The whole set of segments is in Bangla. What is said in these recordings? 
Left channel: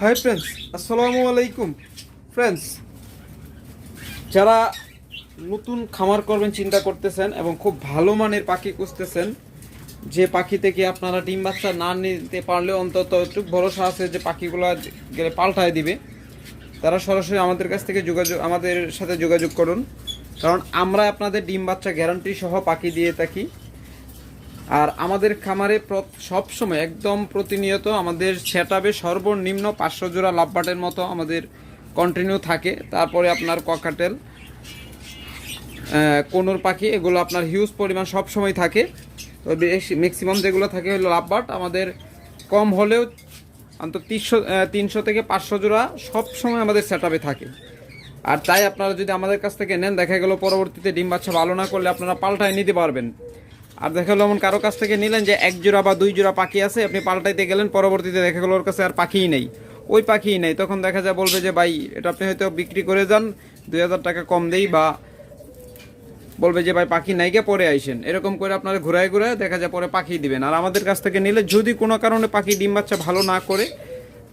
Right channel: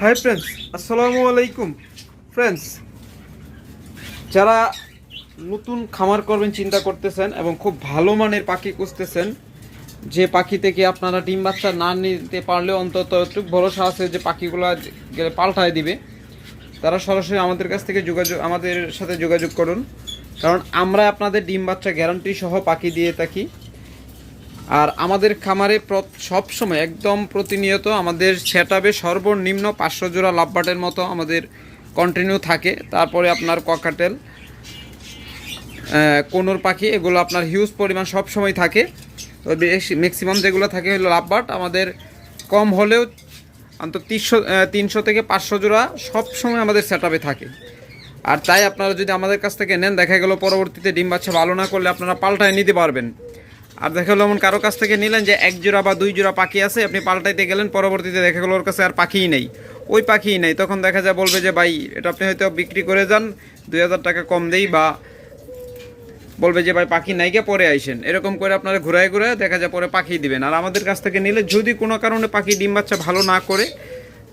হাই ফ্রেন্ডস আসসালামু আলাইকুম ফ্রেন্ডস যারা নতুন খামার করবেন, চিন্তা করতেছেন এবং খুব ভালো মানের পাখি খুঁজতেছেন, যে পাখি থেকে আপনারা ডিম, বাচ্চা না নিতে পারলে অন্তত একটু ভরসা আছে যে পাখিগুলো গেলে পাল্টায় দিবে। তারা সরাসরি আমাদের কাছ থেকে যোগাযোগ, আমাদের সাথে যোগাযোগ করুন। কারণ আমরা আপনাদের ডিম, বাচ্চা গ্যারান্টি সহ পাখি দিয়ে থাকি। আর আমাদের খামারে সব সময় একদম প্রতিনিয়ত আমাদের সেটাবে সর্বনিম্ন পাঁচশো জোড়া লাভবাটের মতো আমাদের কন্টিনিউ থাকে। তারপরে আপনার ককাটেল কোনোর পাখি, এগুলো আপনার হিউজ পরিমাণ সব সময় থাকে। তো ম্যাক্সিমাম যেগুলো থাকে হলো লাভবাট। আমাদের কম হলেও অন্তত তিনশো তিনশো থেকে পাঁচশো জোড়া সব সময় আমাদের সেটআপে থাকে। আর তাই আপনারা যদি আমাদের কাছ থেকে নেন, দেখা গেল পরবর্তীতে ডিম বাচ্চা ভালো না করলে আপনারা পাল্টায় নিতে পারবেন। আর দেখা গেলো এমন কারও কাছ থেকে নিলেন যে এক জোড়া বা দুই জোড়া পাখি আছে, আপনি পাল্টাইতে গেলেন, পরবর্তীতে দেখা গেলো ওর কাছে আর পাখিই নেই। ওই পাখিই নেই। তখন দেখা যায় বলবে যে, ভাই, এটা আপনি হয়তো বিক্রি করে যান, দুই হাজার টাকা কম দেই বা বলবে যে, ভাই, পাখি নাইকে পরে আইসেন। এরকম করে আপনারা ঘুরায় ঘুরায় দেখা যায় পরে পাখি দিবেন। আর আমাদের কাছ থেকে নিলে যদি কোনো কারণে পাখি ডিম বাচ্চা ভালো না করে,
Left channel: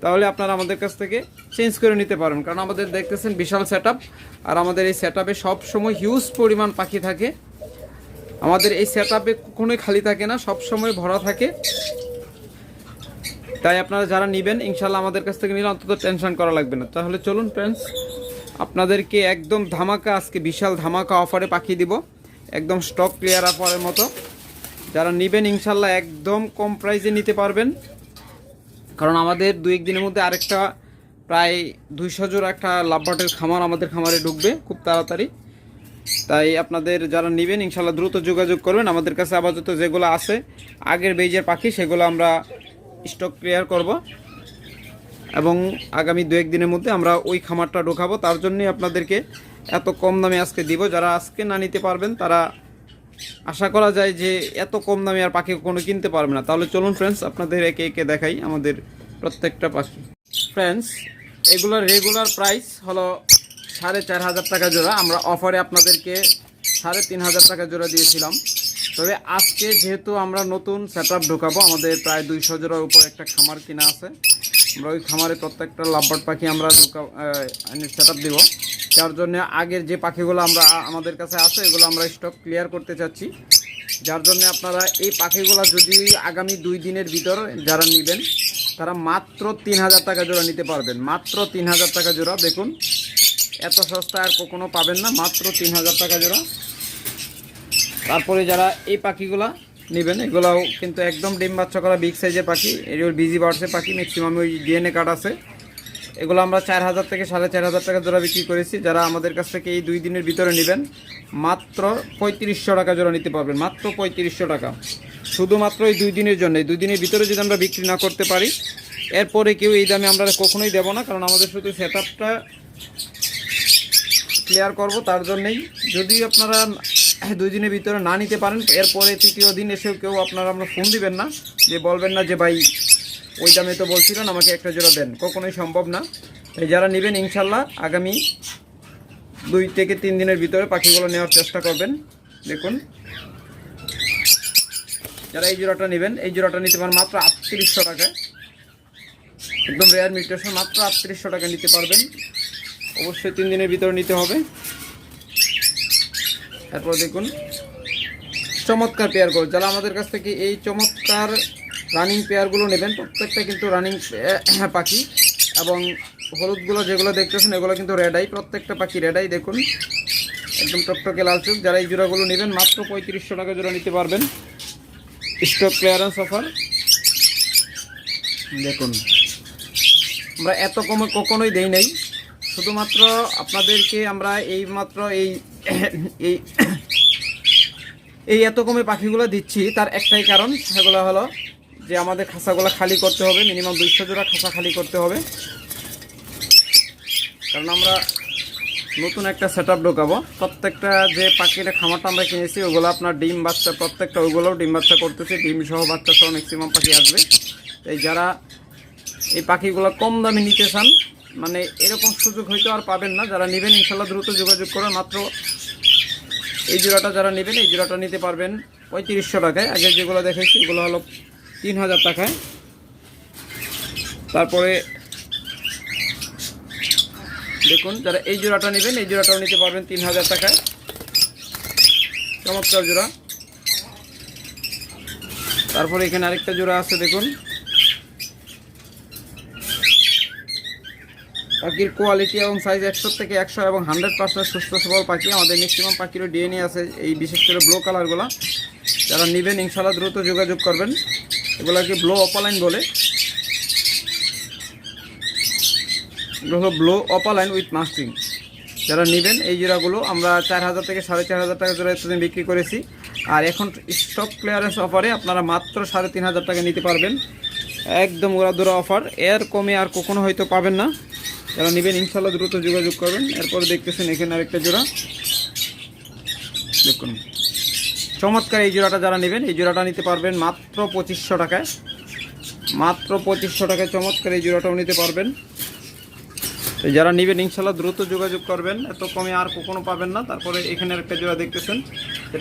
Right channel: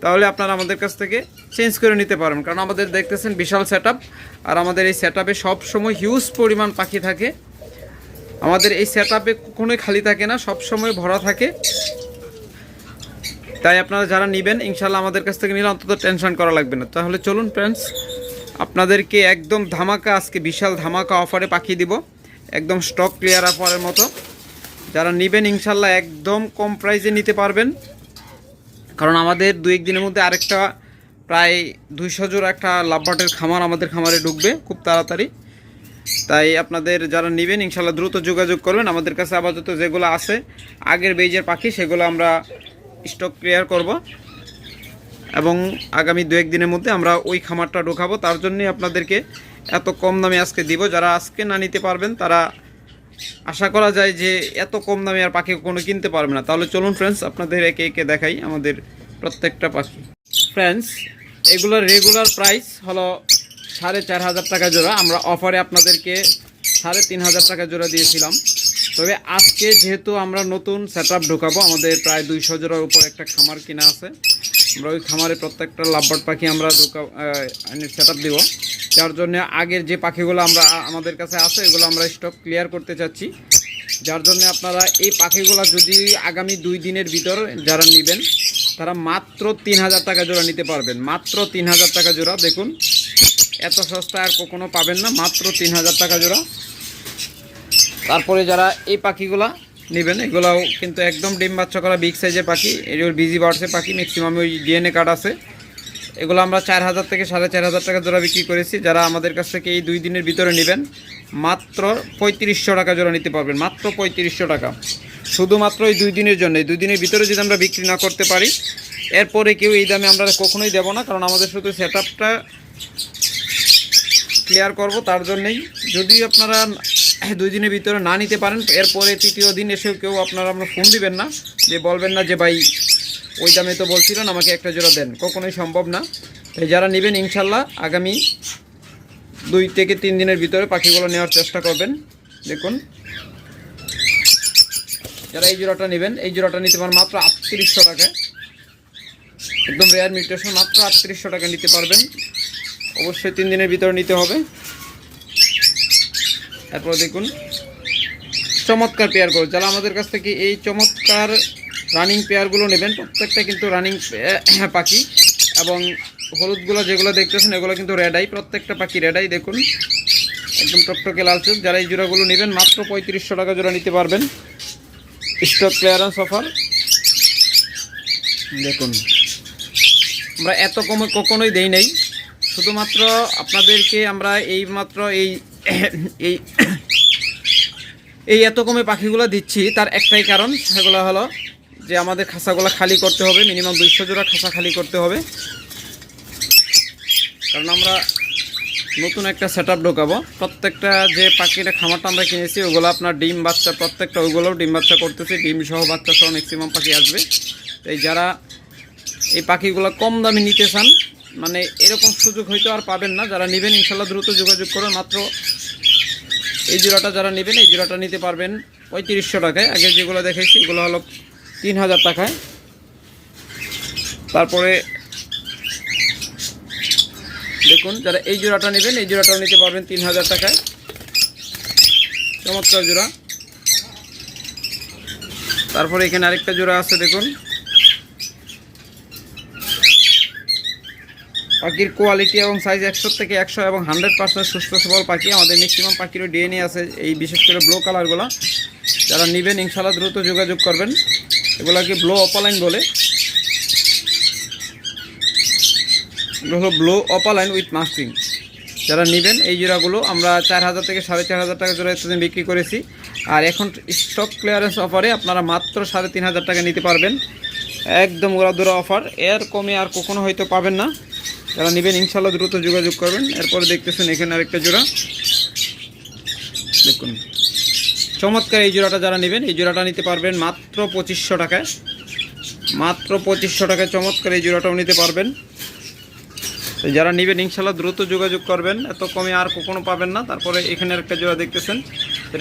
তাহলে আপনারা আমাদের কাছ থেকে চেঞ্জ করে নিতে পারেন কারণ আমাদের দেখতেছেন বিশাল সেট আর আমাদের এই সেট আপে সবসময় হিউজ পরিমাণ পাখি থাকে। আমাদের এই সেট আপে কখনোই খালি থাকে না সব সময় ভরা থাকে। তাই আপনারা যারা নেবেন ইনশাল্লাহ আমাদের কাছ থেকে নিলে অন্তত টেনশন করা লাগবে না। তাহলে চলুন ফ্রেন্ডস আপনাদেরকে একদম ধামাকা, আজকে বিশাল ধামাকা অফারে পাঠিয়ে দিব। একদম স্টক ক্লিয়ার অফারের মতো। যারা নেবেন ইনশাল্লাহ একদম কম প্রাইসে নিতে পারবেন। কারণ আমাদের দু এক দিনের মধ্যে আরেকটা প্রায় দুইশো জোর একটা লাভবাটের খামার আমাদের খামারে ঢুকবে খুব তাড়াতাড়ি। তাই আপনাদের যারা নেবেন ইনশাল্লাহ দ্রুত যোগাযোগ করবেন। আমাদের কাছে আপাতত যেগুলো আছে, আগের বেজের পাখি, সেগুলো আমরা স্টক ক্লিয়ার করব। এবং আগামী দু একদিনের মধ্যে আমরা ওই খামারটা ঢোকাবো। তার জন্যই আপনাদেরকে এত কম দামে আজকে দিব। যারা আজকে না নিতে পারবেন, তারা আশা করা যায় যে এত কম দামে আর পাখি কোনো কিনতে পারবে না। তাহলে চলুন ফ্রেন্ডস আপনাদের একে একে দেখাই আমাদের প্রত্যেকটা পাখি। ফ্রেন্ডস এগুলোর রেগুলার প্রাইস হলো সাড়ে চার হাজার টাকা জোড়া। আমরা অফারে আপনাদেরকে সাড়ে তিন হাজার টাকা জোড়া দিয়েছিলাম। তবে আজকে যেহেতু আমরা নতুন সেট আপ ঢোকাবো, আমাদের প্রায় দুইশো জোড়ার উপর একটা খামার কিনা আছে। আমরা ওই খামারে প্রত্যেকটা লাভবার্ড পাখি আমরা ঢোকা সেট আপ দিব। যার জন্য আগের যে পাখিগুলো আমরা, আমাদের কাছে আছে, এগুলো আমরা স্টক ক্লিয়ার করতে চাচ্ছি। যার জন্য আপনারা এই পাখিগুলো যদি আগামী দুই দিনের ভিতর যারা নেবেন, তারা মাত্র তিন হাজার টাকা জোড়া নিতে পারবেন। মাত্র তিন হাজার টাকা জোড়া, দেখুন। এত সস্তা আর কখনো পাবেন না, মাত্র তিন হাজার টাকা জোড়া। তারপরে যারা এই পাখিগুলা নেবেন, এগুলাও কিন্তু একদম ডিম বাচ্চা করা বিগ সাইজের পাখি এগুলো বিজি বার্ডসের পাখি ম্যাক্সিমাম ওই ডিএনএ কার্ড আছে। এগুলো আমরা চার হাজার থেকে সাড়ে চার হাজার টাকা জোড়া বিক্রি করেছি। যারা আমাদের কাছ থেকে এই দুই দিনের ভিতরে নেবেন, মাত্র পঁয়ত্রিশশো টাকা জোড়া নিতে পারবেন, মাত্র পঁয়ত্রিশশো টাকা। শুধুমাত্র এই দুই দিনের জন্য, এই দুই দিনের ভিতরে যদি আমরা বিক্রি না করতে পারি, এরপরে কেউ এই দামে আমরা কখনোই দেবো না, কারণ আমাদের শুধু সেট ক্লিয়ার করব, তার জন্যেই। যদি আপনারা দুই দিনের ভিতরে না নিতে পারেন, এরপরে তৃতীয় দিন এসেও কেউ আপনারা আমরা ফোন দিবেন না। যে বলবেন না যে, ভাই, ওই দামে তো বলছিলেন, আমাকে একটা জোড়া দেন। কখনোই সম্ভব না। তাই যারা নেবেন, ইনশাল্লাহ আগামী দুই থেকে তিন দিনের ভিতরে পাখিগুলো নেওয়ার চেষ্টা করবেন। দেখুন। যারা এই জোড়াটা নেবেন, এই জোড়াটা নিতে পারেন মাত্র আটত্রিশশো টাকা একদম রেয়ার মিউটেশন মাত্র আটত্রিশশো টাকা নিতে পারবেন। অবশ্যই তিন দিনের ভিতরে নিতে হবে। তারপর দেখুন, চমৎকার পেয়ারগুলো যারা আমাদের কাছ থেকে এই চমৎকার রানিং পেয়ারগুলো নেবেন, প্রত্যেকটা কিন্তু রানিং পাখি এবং হলুদগুলো যেগুলো দেখতেছেন, এগুলো কিন্তু রেডাই প্রত্যেকটা পাখি রেডাই দেখুন। একদম টকটকে লাল চোখ, যারা এই জোড়াগুলো নেবেন, মাত্র পঁয়ত্রিশশো টাকা জোড়া নিতে পারবেন। স্টক ক্লিয়ারেন্স অফার দেখুন, আমরা এত কমে কখনোই দেই নাই। শুধুমাত্র আপনাদেরকে আমরা এই মাত্র এই এই এই এত কমে পাখিগুলো দিচ্ছি। তার একটাই কারণ সেগুলো হলো যে আমাদের খাঁচাগুলো খালি করতে হবে, মিনিমাম দুইশো জোড়া খাঁচা খালি করতে হবে। কারণ আমরা নতুন একটা সেট আপ ঢোকাবো। প্রত্যেকটা যে পাখিটা খামারটা আমরা কিনেছি, ওগুলো আপনার ডিম বাচ্চা, প্রত্যেকটা ওগুলোও ডিম বাচ্চা করতেছে, ডিম সহ বাচ্চা সহ ম্যাক্সিমাম পাখি আসবে। তাই যারা এই পাখিগুলো কম দামে নিতে চান মানে এরকম সুযোগ হয়তো আর পাবেন না। যারা নেবেন ইনশাল্লাহ দ্রুত যোগাযোগ করে মাত্র এই জোড়াটা যারা নেবেন, এই জোড়াটা নিতে পারবেন পঁয়ত্রিশশো টাকায়। আগে যেগুলো দেখেছি, এগুলো হলো তিন হাজার টাকায়। তারপরে দেখুন, যারা এই জোড়াটা নেবেন, এই জোড়াটাও নিতে পারবেন তিন হাজার টাকায়। চমৎকার জোড়া। তারপরে এখানে আরেকটা জোড়া আছে, দেখুন। পাখির কোয়ালিটি এবং সাইজ একশো থেকে একশো এবং হান্ড্রেড পার্সেন্ট সুস্থ সবল পাখি। আমাদের ম্যাক্সিমাম পাখিরও ডিএনএ আছে এই বিশেষ করে ব্লো কালারগুলো যারা নেবেন ইনশাল্লাহ দ্রুত যোগাযোগ করবেন। এগুলোকে ব্লো অপালাইন বলে। এগুলো হলো ব্লো অপালাইন উইথ মাস্কিং যারা নেবেন, এই জোড়াগুলো আমরা চার হাজার থেকে সাড়ে চার হাজার টাকা জোড়া এতদিন বিক্রি করেছি। আর এখন স্টক ক্লিয়ারেন্স অফারে আপনারা মাত্র সাড়ে তিন হাজার টাকা নিতে পারবেন। একদম ওরা অফার এর কমে আর কখনো হয়তো পাবেন না। যারা নেবেন ইনশাল্লাহ দ্রুত যোগাযোগ করবেন। এরপরে দেখতেছেন এখানে আরেকটা জোড়া। দেখুন। চমৎকার এই জোড়াটা যারা নেবেন, এই জোড়াটা নিতে পারবেন মাত্র পঁচিশশো টাকায়। মাত্র পঁচিশশো টাকায় চমৎকার এই জোড়াটাও নিতে পারবেন। যারা নেবেন ইনশাল্লাহ দ্রুত যোগাযোগ করবেন। এত কমে আর কখনো পাবেন না। তারপরে এখানে একটা জোড়া দেখতেছেন।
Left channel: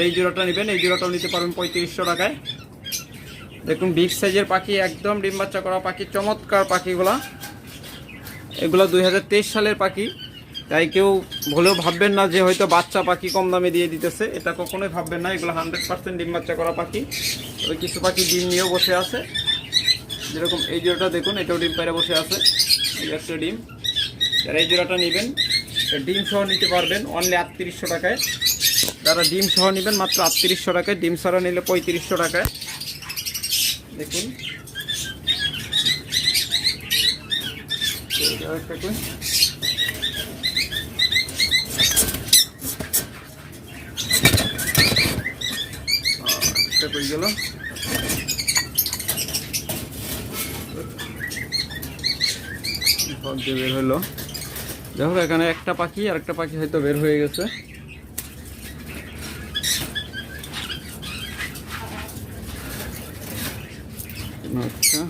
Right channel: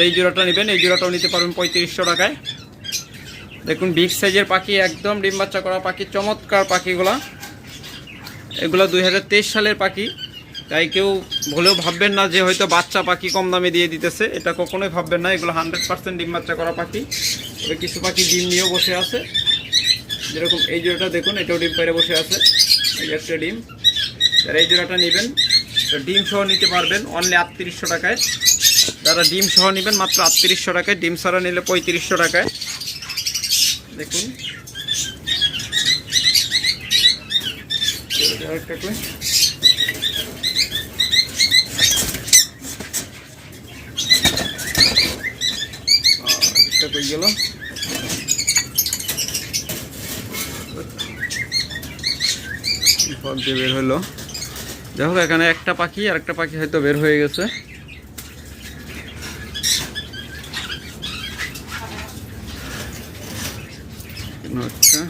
এই জোড়াটা নেবেন, এই জোড়াটাও নিতে পারবেন পঁয়ত্রিশশো টাকায়। দেখুন, বিগ সাইজের পাখি, একদম ডিম বাচ্চা করা পাখি, চমৎকার পাখিগুলা। এগুলো দুই হাজার তেইশ সালের পাখি। তাই কেউ ভুলেও ভাববেন না যে হয়তো বাচ্চা পাখি কম দামে দিয়ে দিতেছে। এটা কখনোই ভাববেন না। এগুলো হান্ড্রেড পার্সেন্ট ডিম বাচ্চা করা পাখি। তবে কিছু পাখি ডিম নিয়েও বসে আছে। যেরকম এই জোড়াটা দেখুন, এটাও ডিম পেরে বসে আছে। এই একটা ডিম। যারা এই জোড়াটা নেবেন ডিম সহ নিতে পারবেন অনলি আটত্রিশশো টাকায়। যারা ডিম সহ নেবেন, মাত্র আটত্রিশশো টাকায়। ডিম ছাড়া নিলে পঁয়ত্রিশশো টাকায়। দেখুন। এটা একটা কই। আর একটা গেল দিয়ে বের হইল যাই হোক, এখানে একটা পাখি আর একটা পাখি হয়তো বের হয়ে গেছে এখানে একটা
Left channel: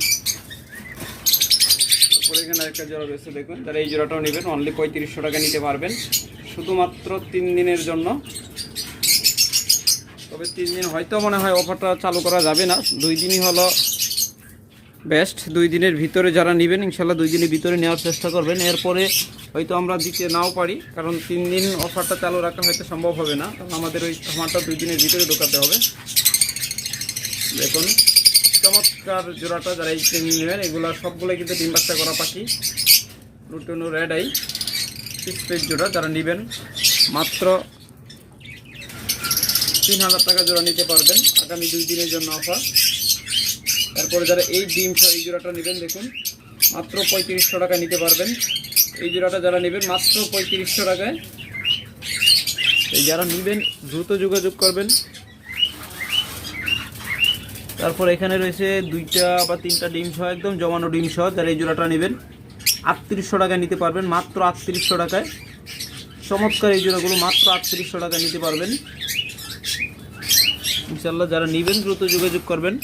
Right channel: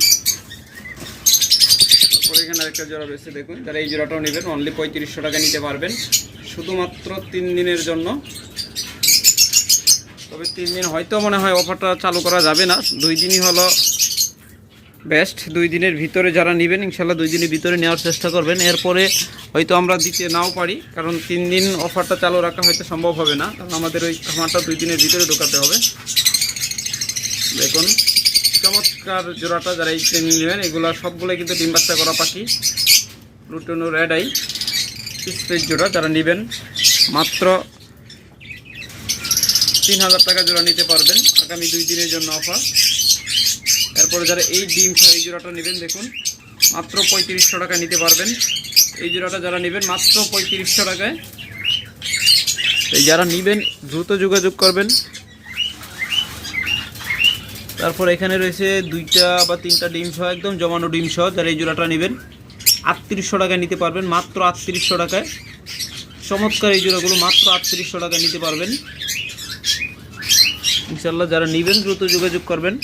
তারপরে এখানে আরেকটা জোড়া বেশি দেখুন। যারা এই জোড়াটাও নেবেন অনলি পঁয়ত্রিশশো টাকা নিতে পারবেন। শুধুমাত্র তিন দিনের জন্য। তবে তিন দিন হয়তো মনে হয় অফারটা চালু করা যাবে না। দুই দিনই হলো বেস্ট দুই দিনের ভিতরে যারা নেবেন, ইনশাল্লাহ দুই দিনের ভিতরে নেওয়ার চেষ্টা করবেন। এরপরে হয়তো আমরা দিতে নাও পারি, কারণ তিন দিন অফারটা চালু রাখা হয়তো সম্ভব হবে না। কারণ আমাদের ওই খামারটা দুই দিনের ভিতরে ঢোকাতে হবে। দেখুন। চমৎকার জোড়াটা যারা এই ট্রেনিং নেবেন, এগুলো সবগুলোই কিন্তু ডিম বাচ্চা করা পাখি। লুটনো রেড আই পিস জোড়া যারা নেবেন, মাত্র তিন হাজার টাকা জোড়া নিতে পারবেন আগামী দুই দিনের জন্য অফার তারপরে যারা এই ডিম এই জোড়াটা নেবেন, দেখুন, মাত্র পঁয়ত্রিশশো টাকা নিতে পারবেন। এই জোড়াটা যারা নেবেন, মাত্র পঁয়ত্রিশশো টাকায়। যারা নেবেন, দ্রুত যোগাযোগ করবেন। তারপর এখানে রয়েছে দুইটা বা তিনটা ডিম সহ, একদম জমানো ডিম সহ, যারা এই জোড়াটা নেবেন, আটত্রিশশো টাকায় নিতে পারবেন, মাত্র আটত্রিশশো টাকায়। চমৎকার এই জোড়াগুলো, মাত্র আটত্রিশশো টাকায় নিতে পারবেন। ইনশাল্লাহ যারা নেবেন, দ্রুত যোগাযোগ করবেন।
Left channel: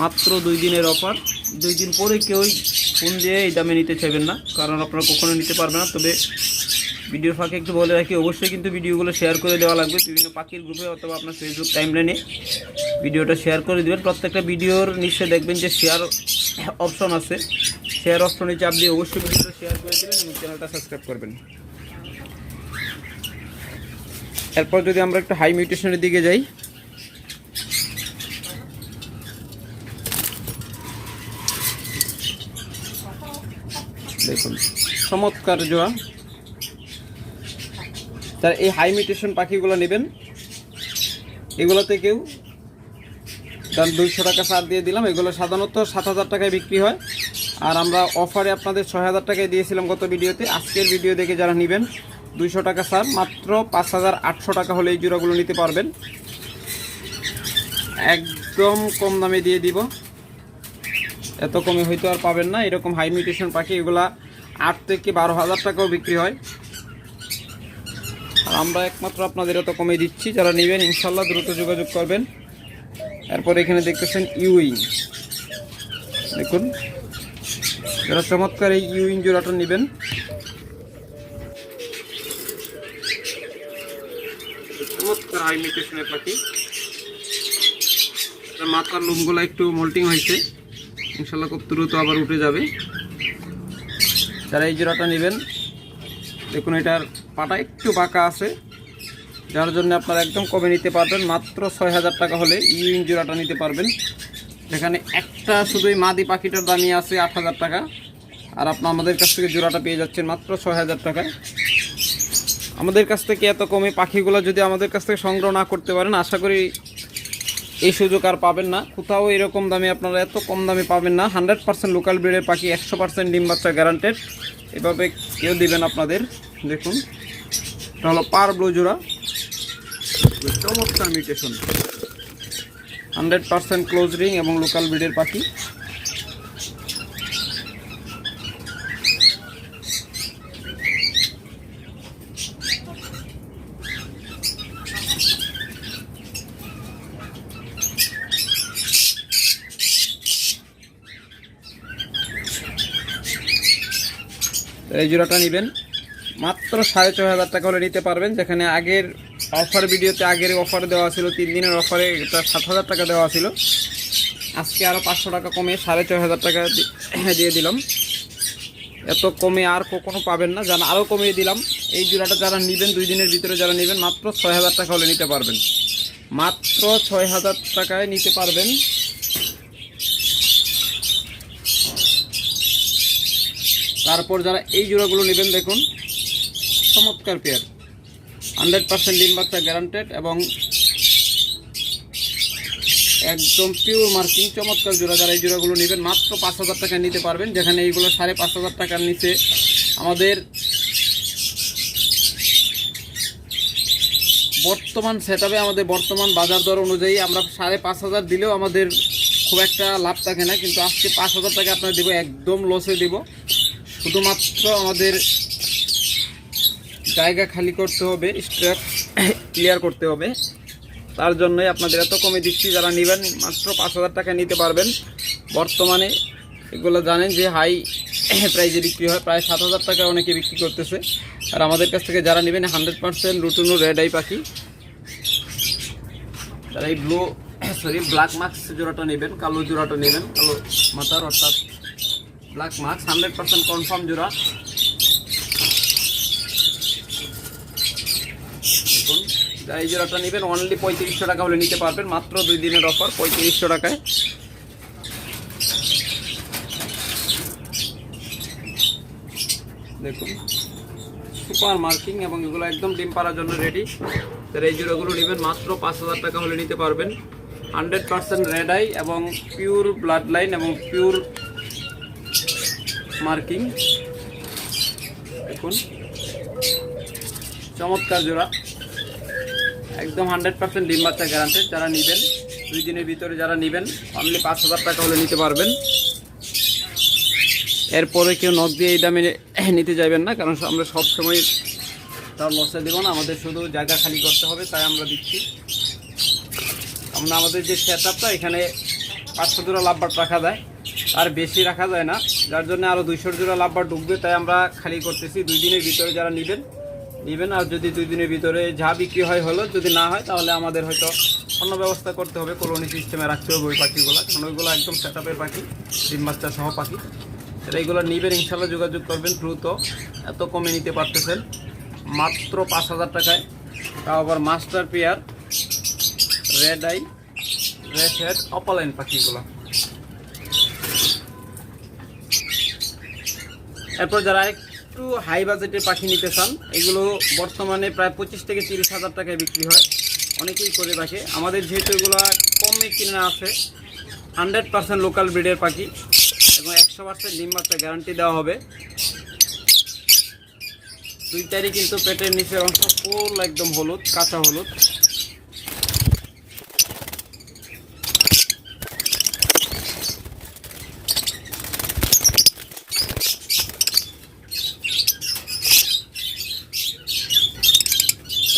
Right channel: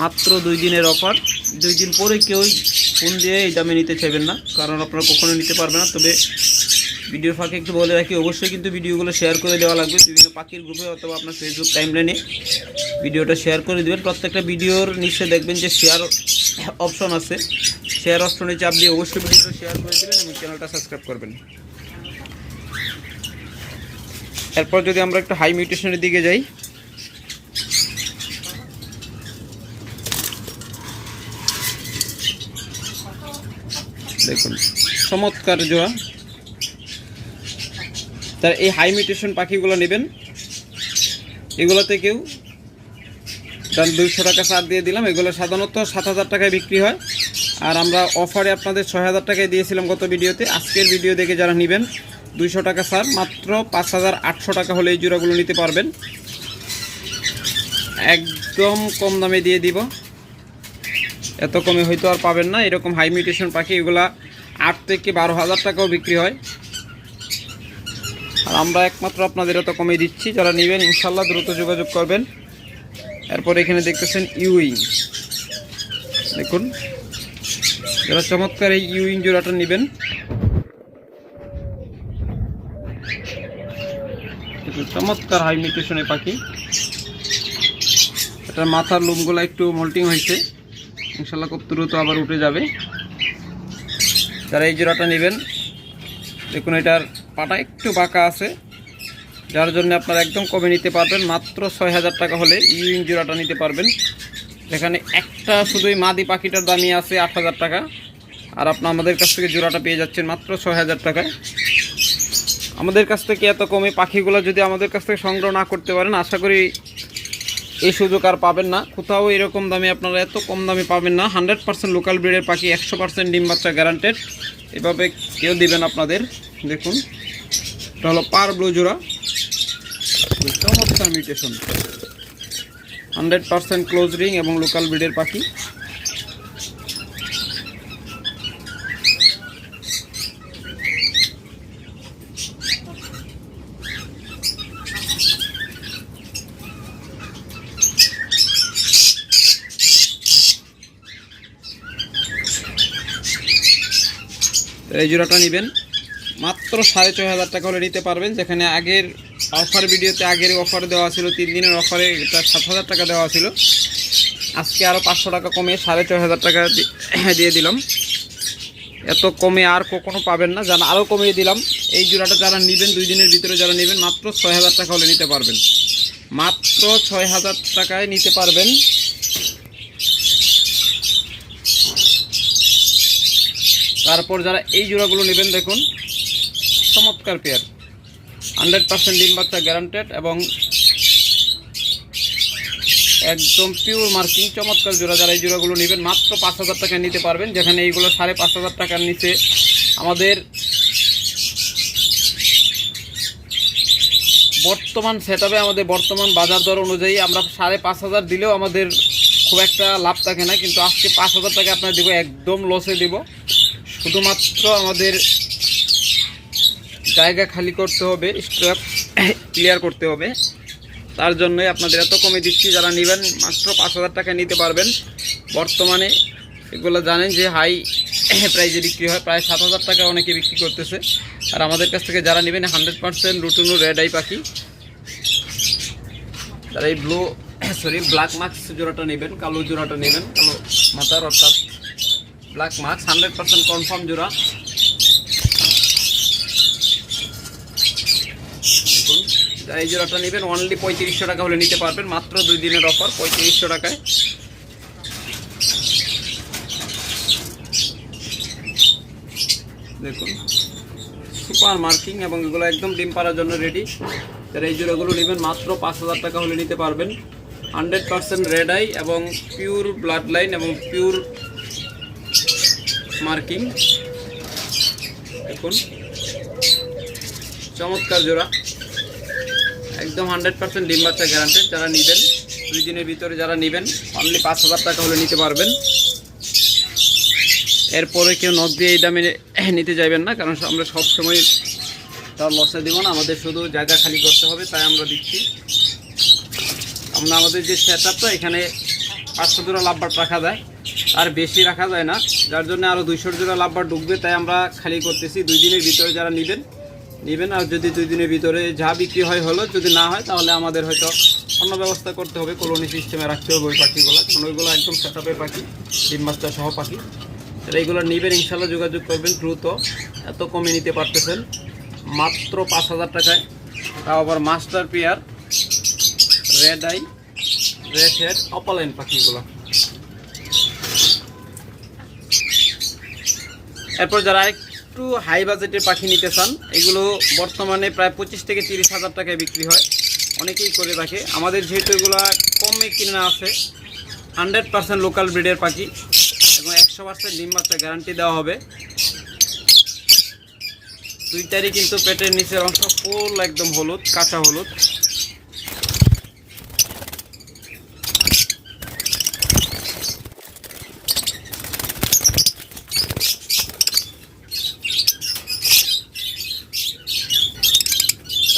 মাত্র দুই দিনের অফার। দুই দিন পরে কেউই ফোন দিয়ে এই দামে নিতে চাইবেন না, কারণ আপনারা কখনো নিতে পারবেন না। তবে ভিডিওর ফাঁকে একটু বলে রাখি, অবশ্যই কিন্তু ভিডিওগুলো শেয়ার করে দেওয়া লাগবে। বিভিন্ন পাখির গ্রুপে অথবা আপনার ফেসবুক টাইমলাইনে ভিডিওটা শেয়ার করে দেবেন। প্রত্যেকটা ভিডিওর নিচে দেখবেন যে শেয়ার অপশন আছে। শেয়ার অপশনে চাপ দিয়ে অবশ্যই ভিডিওটা শেয়ার করে দেবেন এবং চ্যানেলটা সাবস্ক্রাইব করবেন। এরপর যদি আমরা একটু হাই মিউটেশনের দিকে যাই। দেখুন, চমৎকার জোয়া তার এই হাই মিউটেশন পাখিগুলো নেবেন। এগুলোতে কেউ দাম দুইশো টাকা ছাড় দিয়ে দিলাম। এগুলো সাধারণত সাত হাজার টাকায় বিক্রি হয়। আর আমরা অফারে আপনাদের ছয় হাজার টাকায় দিয়েছিলাম গত ভিডিওতে। আজকের ভিডিও দেখে যারা নেবেন, দুইশো টাকা ছাড়, মাত্র পাঁচ হাজার আটশো টাকা হলে এই জোড়াগুলো নিতে পারবেন। একদম কম দামে দিয়ে দিব। এত কমে হয়তো আর পাবেন না। এরকম হাই মিউটেশন পাখি, এগুলা আট থেকে বারো হাজার টাকাও বিক্রি হয়। আর আমরা একমাত্র আপনাদের এত কমে দিচ্ছি। যারা নেবেন, ইনশাল্লাহ দ্রুত যোগাযোগ করবেন। এরপর এখানে দেখতেছেন ইউইং। দেখুন, যারা চমৎকার এই ইউইং জোড়াটা নেবেন। চমৎকার হাই মিউটেশনের পাখি। এটার মাথার লোমগুলো একটু মোল্টিং হয়েছে। ইনশাল্লাহ খুব দ্রুত আবার উঠে যাবে। যারা এই জোড়াটা নেবেন, দেখুন এটার পাটা একটু বাঁকা আছে। যার জন্য আপনারা একদম কমে নিতে পারবেন। মাত্র ছয় হাজার টাকা হলে ইউইং জোড়াটা নিতে পারবেন। যেখানে একটা শুধুই মাদি পাখিটার দামই আছে আট হাজার টাকা। আর আপনার আমাদের কাছ থেকে জোড়াটা পেয়ে যাচ্ছেন মাত্র ছয় হাজার টাকায় আমাদের কাছ থেকে এত কমে পাখিগুলো যদি আমাদের কাছ থেকে সংগ্রহ না করতে পারেন, আশা করি এই সুযোগ আর পাবেন না। কোথাও এরকম দামে আপনারা এত কম দামে পাবেন না। হান্ড্রেড পার্সেন্ট লোকাল ব্রিডের পাখি, একশো পার্সেন্ট ডিম বাচ্চা গ্যারান্টেড এভাবে কেউ দিবেন আপনাদের। দেখুন, এটা হলো পার ব্লু জোড়া। চমৎকার mutation hundred percent close ring এবং লোকাল ব্রিডের পাখি। এই জোড়াটা নেবেন। মাত্র সাড়ে ছয় হাজার টাকা হলে নিতে পারবেন, যেখানে আগের অফার ভিডিওতে আগের অফার দেওয়া ছিল, তিন দিনের অফারে এটা সাত হাজার টাকা দেওয়া ছিল। আজকে আরও পাঁচশো টাকা কমে সাড়ে ছয় হাজার টাকা দিয়ে দিলাম। এত কমে আর কখনো পাবেন না, যারা আরও কমিয়ে দিলাম, এই জোড়াটা যারা নেবেন, দুই দিনের ভিতরে যারা নেবেন, মাত্র ছয় হাজার টাকা হলে নিতে পারবেন। মাত্র ছয় হাজার টাকায় নিতে পারবেন। তারপর যারা এই জোড়াগুলো নেবেন, দেখুন, চমৎকার পেয়ার হান্ড্রেড পার্সেন্ট ডিম বাচ্চা গ্যারান্টেড এবং একদম পিওর মার্কিং চমৎকার জোড়া। যারা এই জোড়াগুলো নেবেন, মাত্র পাঁচ হাজার টাকা নিতে পারবেন। যেখানে এইগুলো সাড়ে পাঁচ হাজার টাকার নিচে আমাদের বর্তমান সেটআপে আমাদের বর্তমান বাজার দর অনুযায়ী আমরা সাড়ে পাঁচ হাজার দিলেও আমাদের খুব একটা লাভ থাকে না। কিন্তু আজকে পাঁচ হাজার টাকা আপনার দেবো, একদম লসে দিব। শুধুমাত্র আমাদের জায়গা খালি করতে হবে স্ট্র্যাপ ক্লিয়ার করতে হবে। তার জন্যই আপনাদের এত কমে দিচ্ছি, যারা নেবেন মাত্র পাঁচ হাজার টাকা নিতে পারবেন। বর্তমানে এগুলো জানেন যে হাই প্রাইজে বিক্রি হয়, প্রায় সাত হাজার টাকা অনেকে বিক্রি করতেছে। আর আমাদের কাছ থেকে যারা নেবেন হান্ড্রেড পার্সেন্ট রুটুনু রেড আই পাখি। যারা এই ব্লু সরি ব্ল্যাক মার্কস জোড়াটা নেবেন, কালো জোড়াটা নেবেন, কালো মাথার অর্থাৎ black marks hundred percent confirm জোড়া দেখুন যারা এই জোড়াটা নেবেন অনলি পঁয়ত্রিশশো টাকা হলে নিতে পারবেন, মাত্র দুই দিনের অফার পঁয়ত্রিশশো টাকায়। দেখুন সুপার মার্কিং এবং এগুলো একদম ডিম পাড়ার জন্য রেডি যারা এই জোড়াগুলো নেবেন, মাত্র পাঁচ হাজার টাকা হলে নিতে পারবেন। হান্ড্রেড পার্সেন্ট রেড আই এবং পিওর ব্লাড লাইন এবং পিওর মার্কিং দেখুন, চমৎকার জোড়া। একদম হান্ড্রেড পার্সেন্ট ডিম বাচ্চা গ্যারান্টেড যারা নেবেন, দুই দিনের ভিতরে যারা নেবেন অনলি পাঁচ হাজার টাকা হলে নিতে পারবেন। এরপরে কেউ নখ দিয়ে এই দামে নিতে যাবেন না, কারণ আমরা সব সময় তার লসে দেবো না, আমাদের শুধু জায়গা খালি করতে হবে, তাই আমরা দিচ্ছি। আমরা আমাদের যে সেট এখানে পাঁচশো জোড়া লাভবার রাখা যায়, আর বেশি রাখা যায় না, যার জন্য আরও দুইশো জোড়া লাভবার ঢুকবে, তাই আমরা খালি করতেছি। দুই দিনের ভিতরে যারা নেবেন নেবেন, আর যদি দুই দিনের ভিতরে যা বিক্রি হয় হলো, যদি না হয়, তাহলে আমাদের হয়তো অন্য ব্যবস্থা করতে হবে, কলোনি সিস্টেমে রাখতে হবে ওই পাখিগুলো, কারণ ওইগুলো একদম সেট পাখি, ডিম বাচ্চা সহ পাখি। তাহলে এইগুলো নেবেন ইনশাল্লাহ যোগাযোগ করবেন দ্রুত, এত কমে নিতে পারতেছেন। মাত্র পাঁচ হাজার টাকায়, তাও আবার master pair red eye red head opaline পাখিগুলো। এরপর যারা একটু হাই বাজেটের পাখি নিতে চান, এগুলো বর্তমানে প্রায় পঁচিশ থেকে তিরিশ হাজার টাকায় বিক্রি হয়। অনেকেই করে রাখে আমাদের যেহেতু এগুলো কমে কিনে আছে হান্ড্রেড পার্সেন্ট লোকাল ব্রিডের পাখি এবং একশো পার্সেন্ট ডিম বাচ্চা গ্যারান্টি দেওয়া হবে। দুইটারই কিন্তু পেটের নিচের অংশ ফুল একদম হলুদ, কাঁচা হলুদ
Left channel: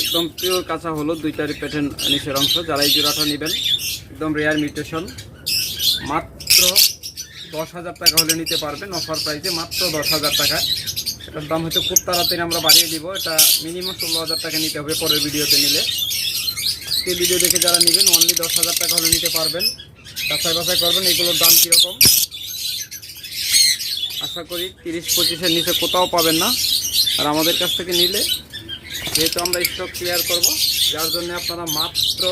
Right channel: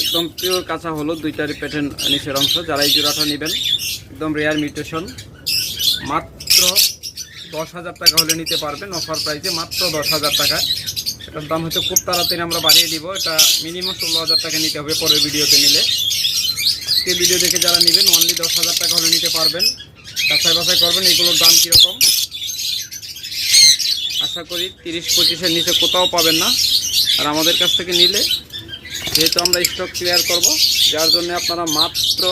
একদম পিওর কাঁচা হলুদ দুইটারই পেটের নিচের অংশ যারা এই জোড়াটা নেবেন, একদম রেয়ার মিউটেশন মাত্র দশ হাজার টাকা হলে নিতে পারবেন অফার প্রাইসে মাত্র দশ হাজার টাকা এটার দাম হয়তো খুব তাড়াতাড়ি আমরা বাড়িয়ে দিব, এটা মিনিমাম ষোলো হাজার টাকা নিতে হবে পরের ভিডিওতে নিলে। আজকে ভিডিও দেখে যারা নেবেন অনলি দশ হাজার টাকা হলে নিতে পারবেন। যাচাই বাছাই করবেন, এগুলোর দাম কীরকম। আশা করি তিরিশ পঁচিশের নিচে কোথাও পাবেন না। আর আমাদের কাছ থেকে নিলে যেহেতু আমরা স্টক ক্লিয়ার করব, যার জন্য আপনারা মাত্র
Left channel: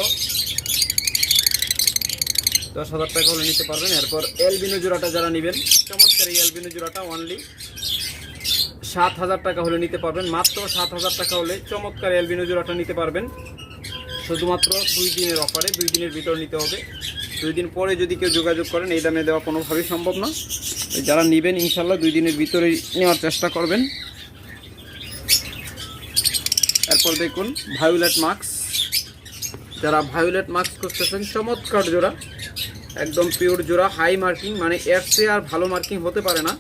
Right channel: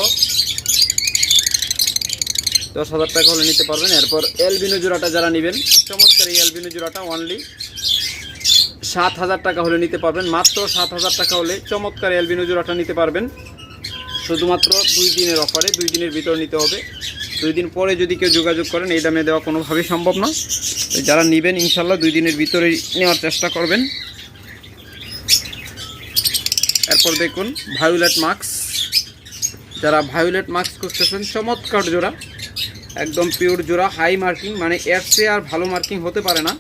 দশ হাজার টাকা হলে নিতে পারবেন। এরপর এলবিনো জোড়াটা যারা নেবেন, চমৎকার এই এলবিনো জোড়াটা অনলি সাত হাজার টাকা হলে নিতে পারবেন। মাত্র সাত হাজার টাকা হলে চমৎকার এলবিনো জোড়াটা নিতে পারবেন। শুধুমাত্র দুই দিনের অফারে দুই দিনের ভিতর নিতে হবে। দুই দিন পরে যদি কেউ যোগাযোগ করেন, এই দামে দেওয়া কোনোভাবেই সম্ভব না। যারা নেবেন, ইনশাল্লাহ দুই দিনের ভিতরে নেওয়ার চেষ্টা করবেন। এরপর দেখুন ভায়োলেট মাস্ক যারা ভায়োলেট মাস্ক করতেছেন চমৎকার জোড়া। একদম পিওর জোড়া হাই মার্কিং মানে এর চেয়ে আর ভালো মার্কিং হতে পারে না।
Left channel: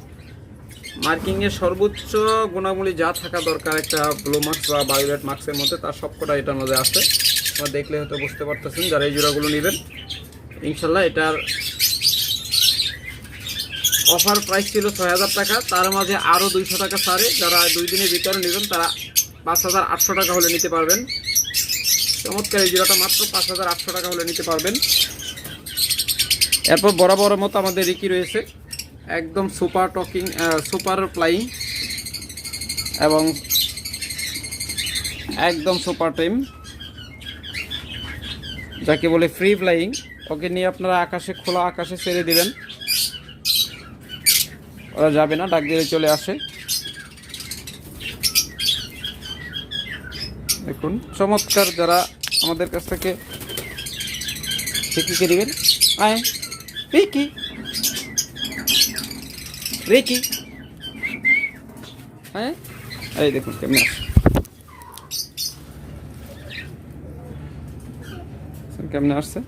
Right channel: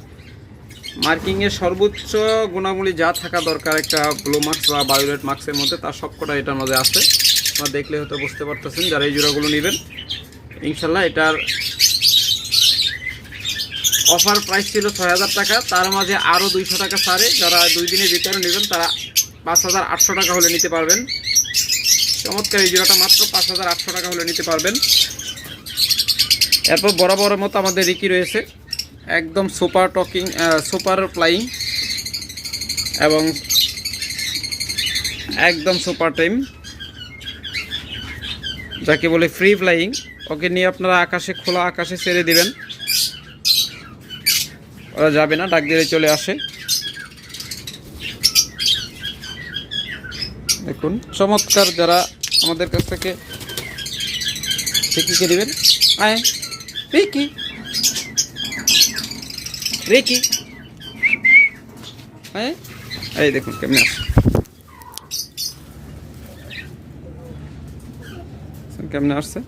মার্কিংয়ের সর্বোচ্চ গুণাবলী যা থাকা দরকার, একটা ব্লু মার্কস বা বায়োলেট মার্কসের মধ্যে তার সবকটা এটার মধ্যে আছে। বা দেখলে হয়তো বুঝতে পারতেছেন, যারা এই জোড়াগুলো নেবেন ইনশাল্লাহ এটার অফার প্রাইস ছিল ছয় হাজার টাকা। তার মাঝে আরও দুইশো টাকা ছাড়ে। যারা দুই দিনের ভিতরে নেবেন, তারা পাঁচ হাজার আটশো টাকা হলে নিতে পারবেন। চমৎকার এই জোড়াটা মাত্র পাঁচ হাজার আটশো টাকা হলে নিতে পারবেন। এরপর বরাবরের মতো আমাদের রিকি রয়েছে। একদম সুপার টকিং সুপার ফ্লাইং এবং একদম সুপার টাইম যাকে বলে ফ্রি ফ্লাইং। ওকে নিয়ে আপনারা আকাশে, খোলা আকাশে ছেড়ে দিবেন। ওরা যাবে না, ডাক দিলে চলে আসে। দেখুন, চমৎকার যারা আমাদের কাছ থেকে রিকিকে দিবেন। আয়, রিকি। রিকি। হ্যাঁ এই দেখুন কেমন আসে কেমনে আসছে।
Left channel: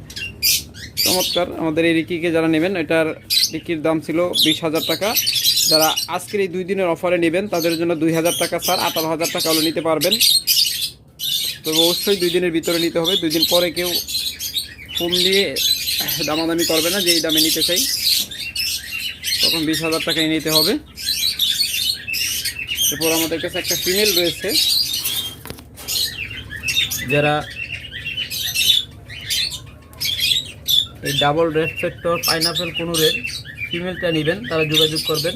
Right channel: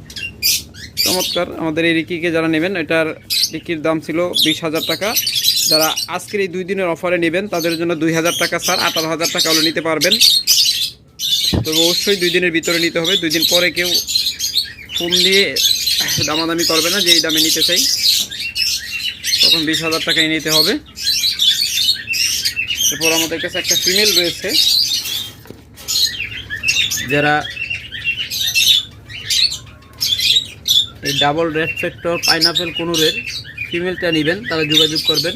চমৎকার, আমাদের এই রিকিকে যারা নেবেন, এটার রিকির দাম ছিল বিশ হাজার টাকা। যারা আজকের এই দুই দিনের অফারে নেবেন, তাদের জন্য দুই হাজার টাকা স্যার আঠারো হাজার টাকা হলে নিতে পারবেন। তবে অবশ্যই দুই দিনের ভিতরে নিতে হবে। দুই দিন পরে কেউ ফোন দিয়ে দামাদামি করবে না যে এই দামে নিতে চাই। তখন বিশ হাজার টাকায় নিতে হবে। এরপর আমাদের কাছে একটা ফিমেল রয়েছে। যারা এই ডাবল রেড ফ্যাক্টর পাইনাপেল কোনুরের ফিমেলটা নেবেন, তারা যোগাযোগ করবেন।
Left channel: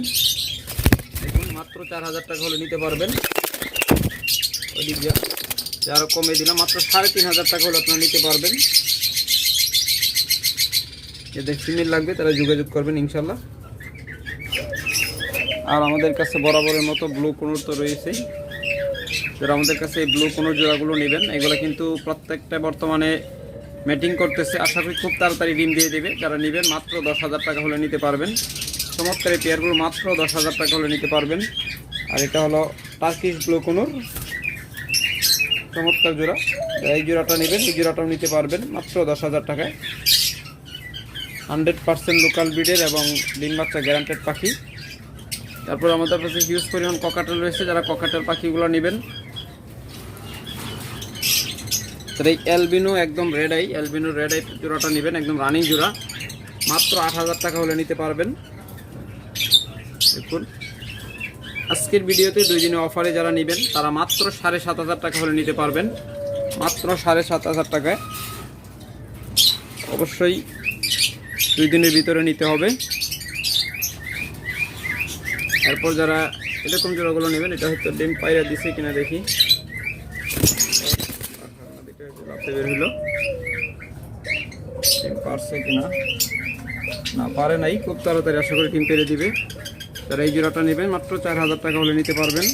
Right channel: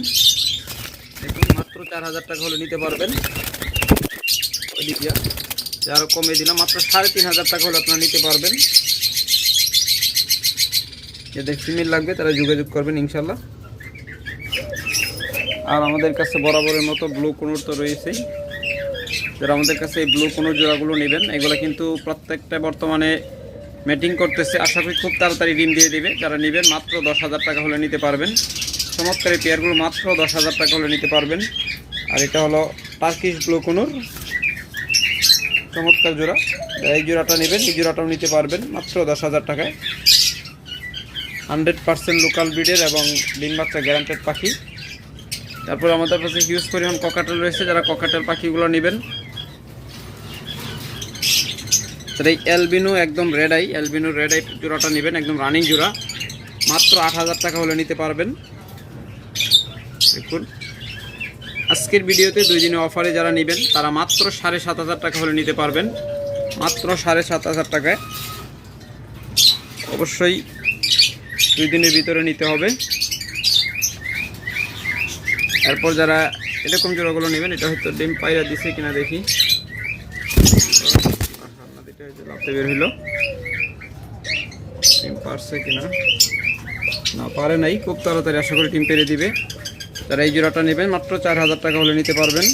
দেখুন, মাত্র চার হাজার টাকা হলে নিতে পারবেন। ওইদিকে আরও কমে দিলাম। মাত্র সাড়ে তিন হাজার টাকা হলে আপনারা নিতে পারবেন। যাদের ফিমেল লাগবে, তারা যোগাযোগ করবেন ইনশাল্লাহ। আর আমাদের কাছে বরাবরের মতো ব্লু কোনোর তো রয়েছেই। যারা আমাদের কাছে এই ব্লু কোনুর জোড়াগুলো নেবেন, এগুলো কিন্তু প্রত্যেকটা বর্তমানে মিটিং করতেছে। আশা করি খুব তাড়াতাড়ি ডিম দিয়ে দেবে। যারা নেবেন, মাত্র দশ হাজার টাকা হলে নিতে পারবেন। চমৎকার এই পেয়ারগুলো মাত্র দশ হাজার টাকা হলে নিতে পারবেন। আর এটা হলো টার্কিশ ব্লু কোনুর। চমৎকার জোড়া। এই জোড়াটা নেবেন, এই জোড়াটাও নিতে পারবেন মাত্র দশ হাজার টাকায়। হান্ড্রেড পার্সেন্ট লোকাল ব্রিডের এবং ডিম বাচ্চা গ্যারান্টেড পাখি। তারপর আমাদের কাছে হিউজ পরিমাণ ককাটেল রয়েছে, যারা ককাটেল পাখিগুলো নেবেন। এই অ্যালবিনো একদম red eye albino red eye জোড়াটা নেবেন, একদম রানিং জোড়া। মাত্র আট হাজার টাকা হলে নিতে পারবেন। দেখুন। আজকের ভিডিওতে দুই দিনে অফারে যারা নেবেন, তারা মাত্র সাড়ে সাত হাজার টাকা হলে নিতে পারবেন। মাত্র সাড়ে সাত হাজার টাকায়। অবশ্যই দুই দিনের ভিতরে নিতে হবে। এরপর যারা এরকম জোড়াগুলো নেবেন, এটা হয়তো ডিম পায়রা দিছে কিনা দেখি। বের হইল। ডিম পারছে কিনা? না, পারে নাই। খুব তাড়াতাড়ি আশা করি ডিম পেরে দিবে। যারা এই জোড়াটা নেবেন, মাত্র চার হাজার টাকা হলে নিতে পারবেন।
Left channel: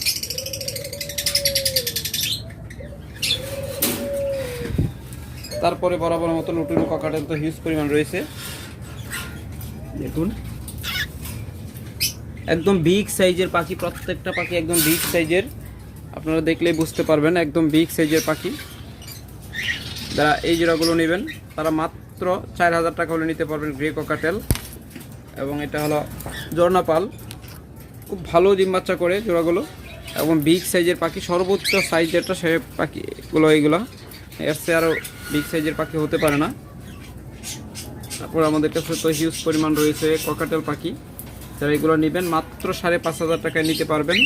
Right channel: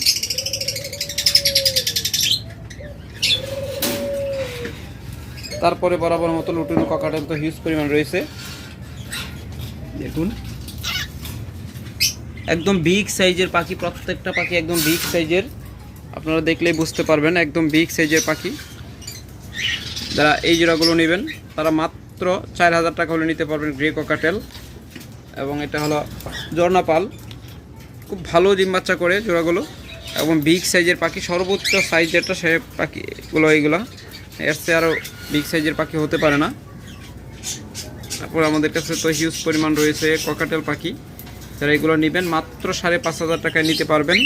তারপরে বরাবর মতো লুটুনো কাকাটেল তো হিউজ পরিমাণ রয়েছে। দেখুন। একদম বিগ সাইজের পাখি, প্রত্যেকটা পাখি একদম বিগ সাইজের আপনারা দেখলেই বুঝতে পারবেন, একদম বিগ সাইজের পাখি। যারা এই জোড়াগুলো নেবেন, তারা মাত্র চার হাজার টাকা হলে নিতে পারবেন গ্রে ককাটেল এবং এটা হলো জর্নাপাল খুব ভালো ডিম বাচ্চা করে জোড়াগুলো এবং বিগ সাইজের পাখি, সর্বোচ্চ সাইজ যেটা সে পাখিগুলো এইগুলো। এর চেয়ে আরও বিগ সাইজের পাখি হতে পারে না। তারপর আমাদের কাছে তো হিউজ পরিমাণ রয়েছে ককাটেল পাখি। যারা এগুলো নেবেন, মাত্র সাড়ে পাঁচ হাজার টাকায় নিতে পারবেন।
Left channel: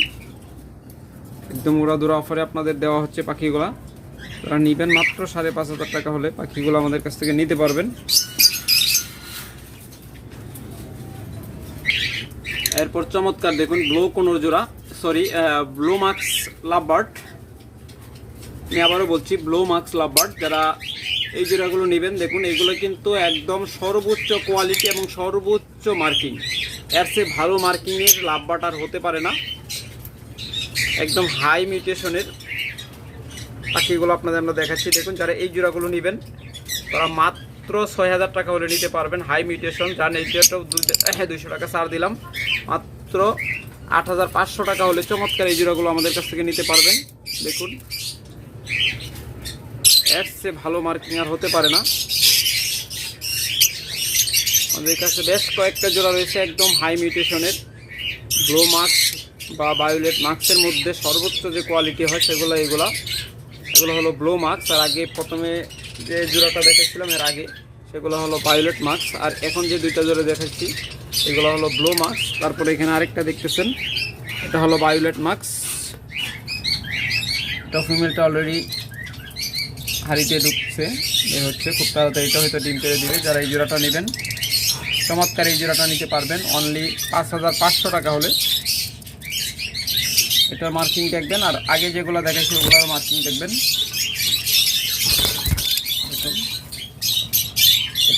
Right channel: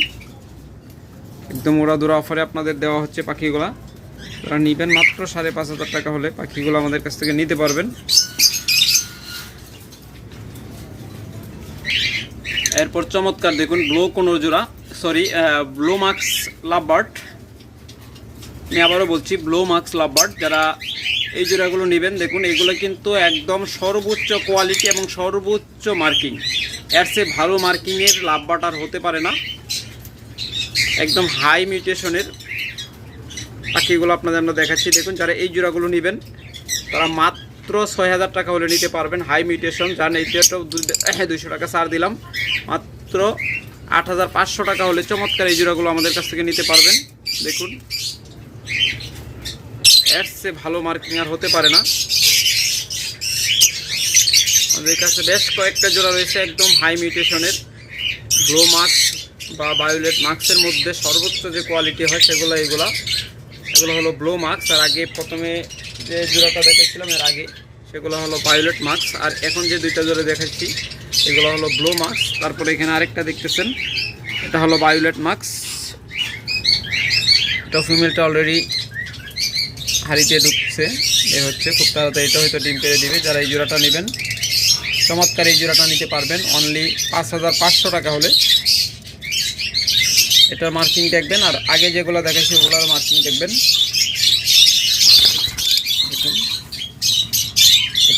একদম ওরা দোরা অফারে আপনাদের দেওয়া হচ্ছে পাখিগুলা। তারা নেবেন, মাত্র সাড়ে পাঁচ হাজার টাকা হলে পাখিগুলো আমাদের কাছ থেকে নিতে পারবেন। এরপর চমৎকার দেখুন, ব্লো কোনোর জোড়া সরি ব্লো মার্কস লাভবার্ড। আমি আবারও বলছি, ব্লো মার্কস লাভবার্ড, যারা এই জোড়াগুলো নেবেন, দেখুন, এগুলো কিন্তু একদম সর্বোচ্চ কোয়ালিটি এবং সর্বোচ্চ মার্কিং এর চেয়ে ভালো মার্কিংয়ের লাভবার্ড আর হতে পারে না। একদম হাই মিউটেশনের পাখিগুলো আপনাদের আমরা দেখাচ্ছি। দেখুন, যারা এই জোড়াগুলো নেবেন, তারা মাত্র ছয় হাজার টাকা হলে নিতে পারবেন হাই মিউটেশন যার এইটাও দুইশো টাকা ছাড় দিলাম। মাত্র আট হাজার পাঁচশো টাকা হলে চমৎকার এই জোড়াগুলো আমাদের কাছ থেকে নিতে পারবেন। দেখুন। চেয়ে ভালো মার্কিং আর হতে পারে না। আমাদের কাছে বেশ কয়েকটা জোড়া রয়েছে একদম হাই মিউটেশনের। গ্লো মার্কস বা বায়োলেট মার্কসের মধ্যে সর্বোচ্চ যে কোয়ালিটি হয় সেগুলো এগুলা। এগুলো হলো ব্লো মার্কস আর আগে প্রথমে যে জোড়াটা দেখেছিলাম এর আগে, সেগুলো হলো ভায়োলেট মাস্ক আর এখন যে দুইটা জোড়া দেখাচ্ছি, এগুলো হলো ব্লো মার্কস তারপরে এখানে আরেকটা দেখতেছেন, এটা হলো ভায়োলেট মাস্ক এটা ফিমেলটা অলরেডি হাড়িতে ঢুকছে, এ হচ্ছে, খুব তাড়াতাড়ি এটা হয়তো ডিম পেড়ে দিবে, যারা এই জোড়াটা নেবেন, চমৎকার এই জোড়াটা নিতে পারবেন অনলি পাঁচ হাজার পাঁচশো টাকা হলে। এটার মার্কিং দেখবেন, আর আগে যেগুলো দেখাচ্ছি ওগুলোর মার্কিং দেখবেন দেখুন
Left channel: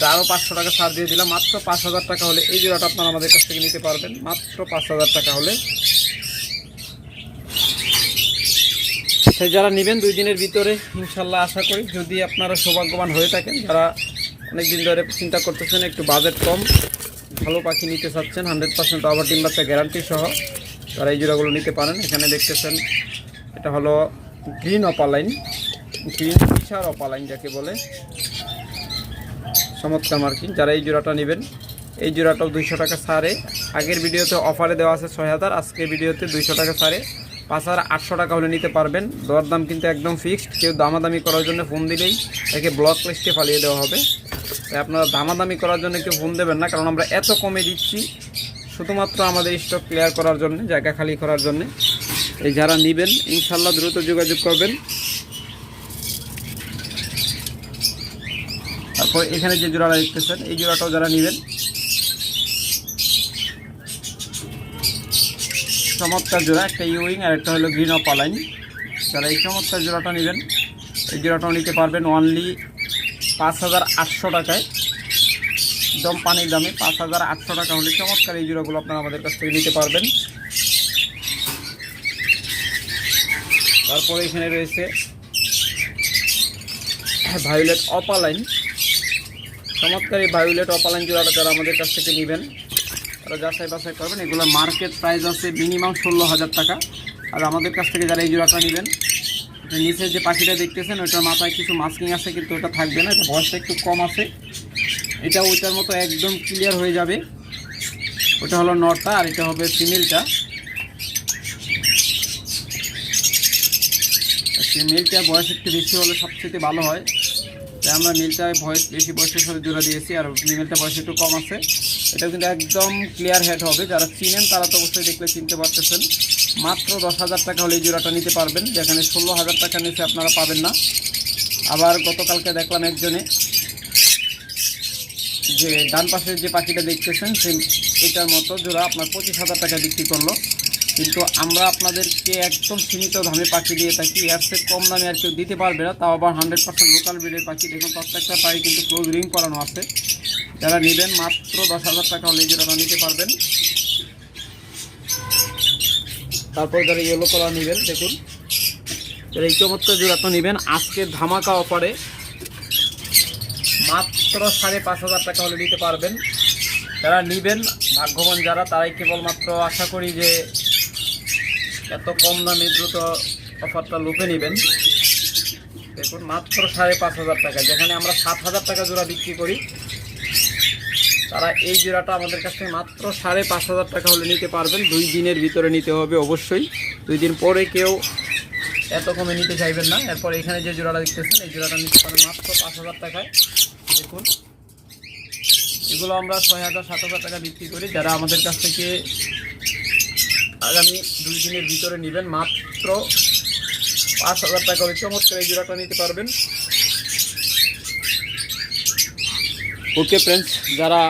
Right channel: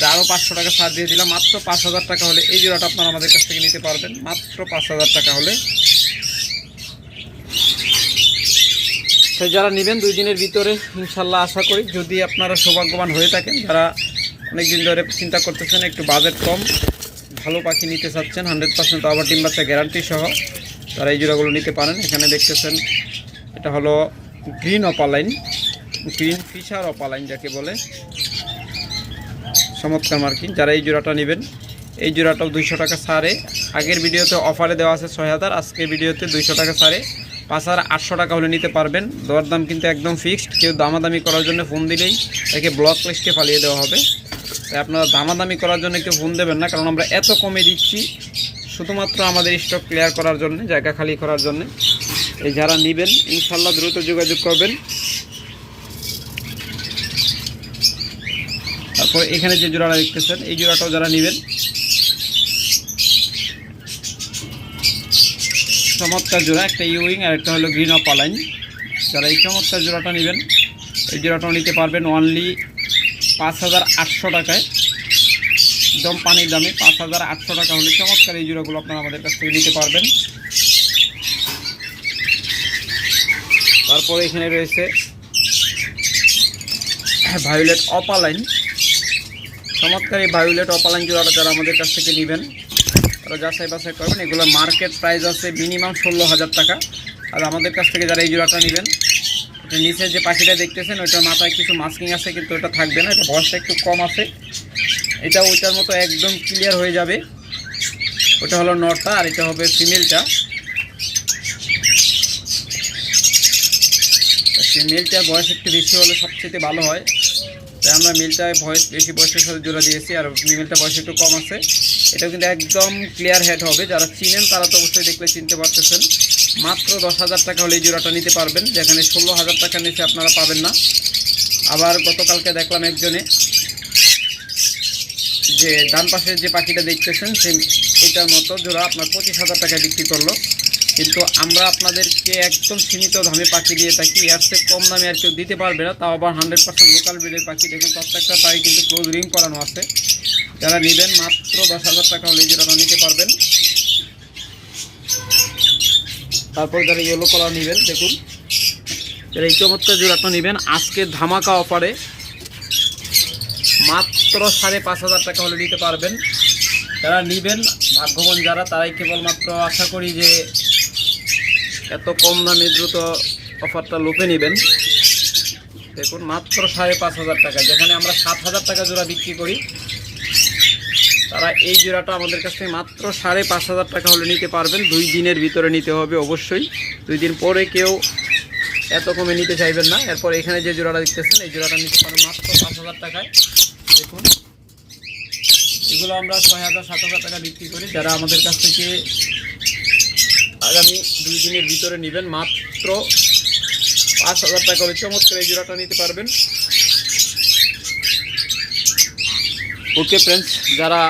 এটা আরও পাঁচশো টাকা ছাড় দিয়ে দিলাম। মাত্র পাঁচ হাজার টাকা হলে এই জোড়াটা আপনারা আমাদের কাছ থেকে নিতে পারবেন। মাত্র পাঁচ হাজার টাকা হলে। তো যারা নেবেন দুই দিনের ভিতরে, ইনশাল্লাহ আশা করি যদি আপনারা সৌভাগ্যবান হয়ে থাকেন, যারা অনেক দিন ধরে চিন্তা করতেছেন একটু বাজেট কম, ভালো পাখি নিতে চাচ্ছেন, হান্ড্রেড পার্সেন্ট আবার ডিম বাচ্চা গ্যারান্টি সহ তারা এই জোড়াগুলো নিতে পারেন। এখানে দেখতেছেন, এটা হলো green opaline, green fischer opaline যাকে বলে। চমৎকার মার্কিং যারা এই জোড়াটা নেবেন, এই জোড়াটাও দুইশো টাকা ছাড়ে। আগের ভিডিওতে অফারে দেওয়া আছে ছয় হাজার, আজকের ভিডিওতে দুইশো টাকা ছাড়ে। পাঁচ হাজার আটশো টাকা হলে নিতে পারবেন। দরদাম কিন্তু একদম ফিক্সড কেউ দামাদামি করার জন্য ফোন দিলেই তাকে ব্লক লিস্টে ফালিয়ে দেওয়া হবে। তাই আপনারা দামাদামি করার জন্য কেউ ফোন দেবেন না, কারণ আমরা এত কমে দিচ্ছি শুধুমাত্র আমাদের স্টক ক্লিয়ার করার জন্য, জায়গা খালি করার জন্য। এই যারা নেবেন ইনশাল্লাহ দ্রুত যোগাযোগ করবেন। তারপর এখানে যে জোড়াটা দেখতেছেন, এই জোড়াটাও যারা নেবেন, চমৎকার জোড়া, একটা ইউইং আর একটা হলো গ্রিন অফ আলাইন যারা এই চমৎকার জোড়াটা নেবেন, এই জোড়াটাও নিতে পারবেন অনলি পাঁচ হাজার আটশো টাকায়। একদম পানির দামে পাঁচ হাজার আটশো টাকা হলে চমৎকার এই জোড়াগুলো আপনারা আমাদের কাছ থেকে নিতে পারবেন। তারপরে এখানে রয়েছে ভায়োলেট অপালাইন। চমৎকার এই ভায়োলেট অপালাইন জোড়াটা যারা আমাদের কাছ থেকে নেবেন, তারা যাচাই বাছাই করবেন। এগুলো মার্কেট প্রাইস আছে মিনিমাম ষোলো হাজার টাকা। আর আমাদের কাছ থেকে যারা এই জোড়াটা নেবেন নিচে যে পাখিটা দেখতেছেন, ওইটার মাথায় কিছু মাস্কিং আছে, কিন্তু ওটা থাকবে না, এটা বয়সটা একটু কম আছে। এটা ওইটার মতো একদম ক্লিয়ার হয়ে যাবে। ওটা হলো নরটা আর এটা হবে ফিমেলটা। ফিমেলটা বয়স একটু বেশি হলে সবচেয়ে ভালো হয়। তাই আমরা মিলটায় ভয়েস বেশি বয়সের সাথে জোড়া দিয়েছি আর ফিমেলটা বয়স একটু কম আছে। এটা কিন্তু একদম ক্লিয়ার হেড হবে। যারা চিনেন তারা তো অবশ্যই দেখলে চিনতে পারতেছেন। মাত্র দশ হাজার টাকা হলে এই জোড়াটা নিতে পারবেন। যেখানে ষোলো হাজার টাকা নিচে আপনারা পাবেন না। আবার গতকালকে দেখলাম একজনে যে ডান পাশের যে পাখিটা দেখতেছেন সে এটার মতো জোড়া আপনার পঁচিশ হাজার টাকায় বিক্রি করল। কিন্তু আমরা আপনাদেরকে একদম সীমিত দামে পাখি দিয়ে থাকি। এর চেয়ে কম দামে আর কেউ দিতে পারবে না, তাও আবার হান্ড্রেড পার্সেন্ট লোকাল ব্রিডের পাখি। দেখুন, প্রত্যেকটা পাখি কিন্তু ক্লোজ রিং করানো আছে। যারা নেবেন মাত্র দশ হাজার টাকা হলে জোড়াটা নিতে পারবেন। তারপর যারা ইয়েলো কালার নেবেন, দেখুন। যারা এই চমৎকার জোড়াটা নেবেন, আজকে ধামাকা অফারে মাত্র সাড়ে পাঁচ হাজার টাকা হলে নিতে পারবেন। যারা নেবেন, ভাগ্যবান যারা, তারাই কেবলমাত্র আশা করি যে এত কম দামে দ্রুত অফারটা লুপে নেবেন। দেখুন, মাত্র সাড়ে পাঁচ হাজার টাকা। যেখানে আমরা সাত হাজার টাকা জোড়া বিক্রি করি, তারা এই জোড়াটা আমাদের কাছ থেকে মাত্র সাড়ে পাঁচ হাজার টাকা হলে নিতে পারবেন। দুই দিনের ভিতরে নিতে হবে অবশ্যই। দুই দিন পরে কেউ এত কমে নিতে চাইবেন না। এরপর এখানে যে জোড়াটা দেখতেছেন, এই জোড়াটা নিতে পারেন মাত্র পাঁচ হাজার টাকায়। দেখুন, এগুলো আমরা ছয় হাজার, সাত হাজার টাকা বিক্রি করি। যারা আমাদের কাছ থেকে আগামী দুই দিনের ভিতরে নেবেন মাত্র পাঁচ হাজার টাকা হলে চমৎকার এই জোড়াটা নিতে পারবেন। ওকে ফ্রেন্ডস যারা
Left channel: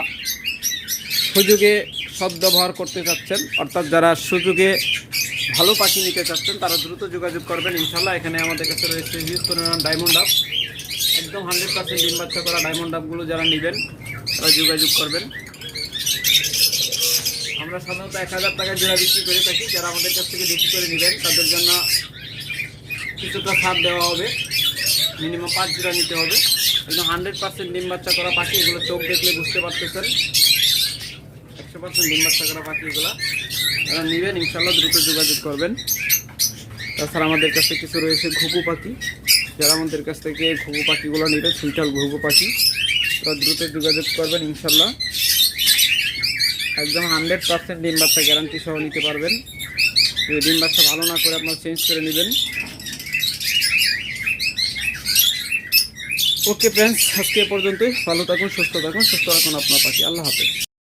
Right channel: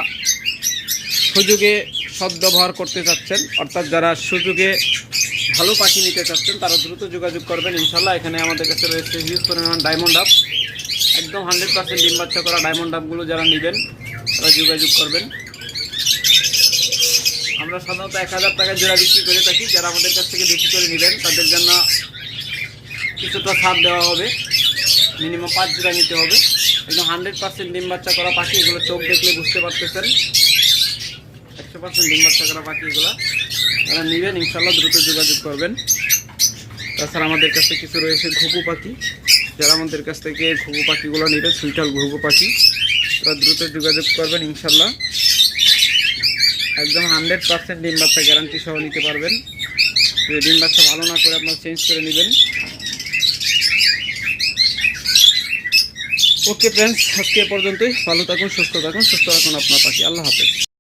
সুযোগে সদ্ব্যবহার করতে চাচ্ছেন, অর্থাৎ যারা সুযোগে ভালো পাখি নিতে চাচ্ছেন, তারা দ্রুত যোগাযোগ করবেন। ইনশাল্লাহ এখানে আমাদের কাছে রয়েছে হিউজ পরিমাণ ডায়মন্ড আপ একদম হান্ড্রেড পার্সেন্ট ডিম বাচ্চা করা ডায়মন্ড আপগুলো যারা নেবেন, তারা যোগাযোগ করবেন। আমরা সাধারণত এক হাজার টাকা জোড়া বিক্রি করে থাকি। যারা আমাদের কাছ থেকে বেশি করে নেবেন, তাদের জন্য কিছুটা ছাড় দেওয়া হবে। মিনিমাম পাঁচ জোড়া নিতে হবে। একদম হান্ড্রেড পার্সেন্ট ডিম বাচ্চা করা পাখি, এগুলো চোখ দেখলে বুঝতে পারতেছেন। একশো পার্সেন্ট ডিম বাচ্চা করা পাখি এগুলো। যারা নেবেন ইনশাল্লাহ দ্রুত যোগাযোগ করবেন। তাছাড়া আমাদের কাছে কিছু রয়েছে ঘুঘু পাখি। যারা আমাদের কাছ থেকে ঘুঘু পাখিগুলো নেবে, সুইটাল ঘুঘু পাখি, তারা দ্রুত যোগাযোগ করবেন ইনশাল্লাহ একদম হান্ড্রেড পার্সেন্ট ডিম বাচ্চা গ্যারান্টি সহ নিতে পারবেন। যদি ডিম বাচ্চা ভালো না করে আপনার চেঞ্জ করে নেবেন। ওকে ফ্রেন্ডস আজকে পর্যন্তই। ভালো থাকুন, সুস্থ থাকুন, সুস্থ রাখুন আপনার পাখি আল্লাহ হাফেজ।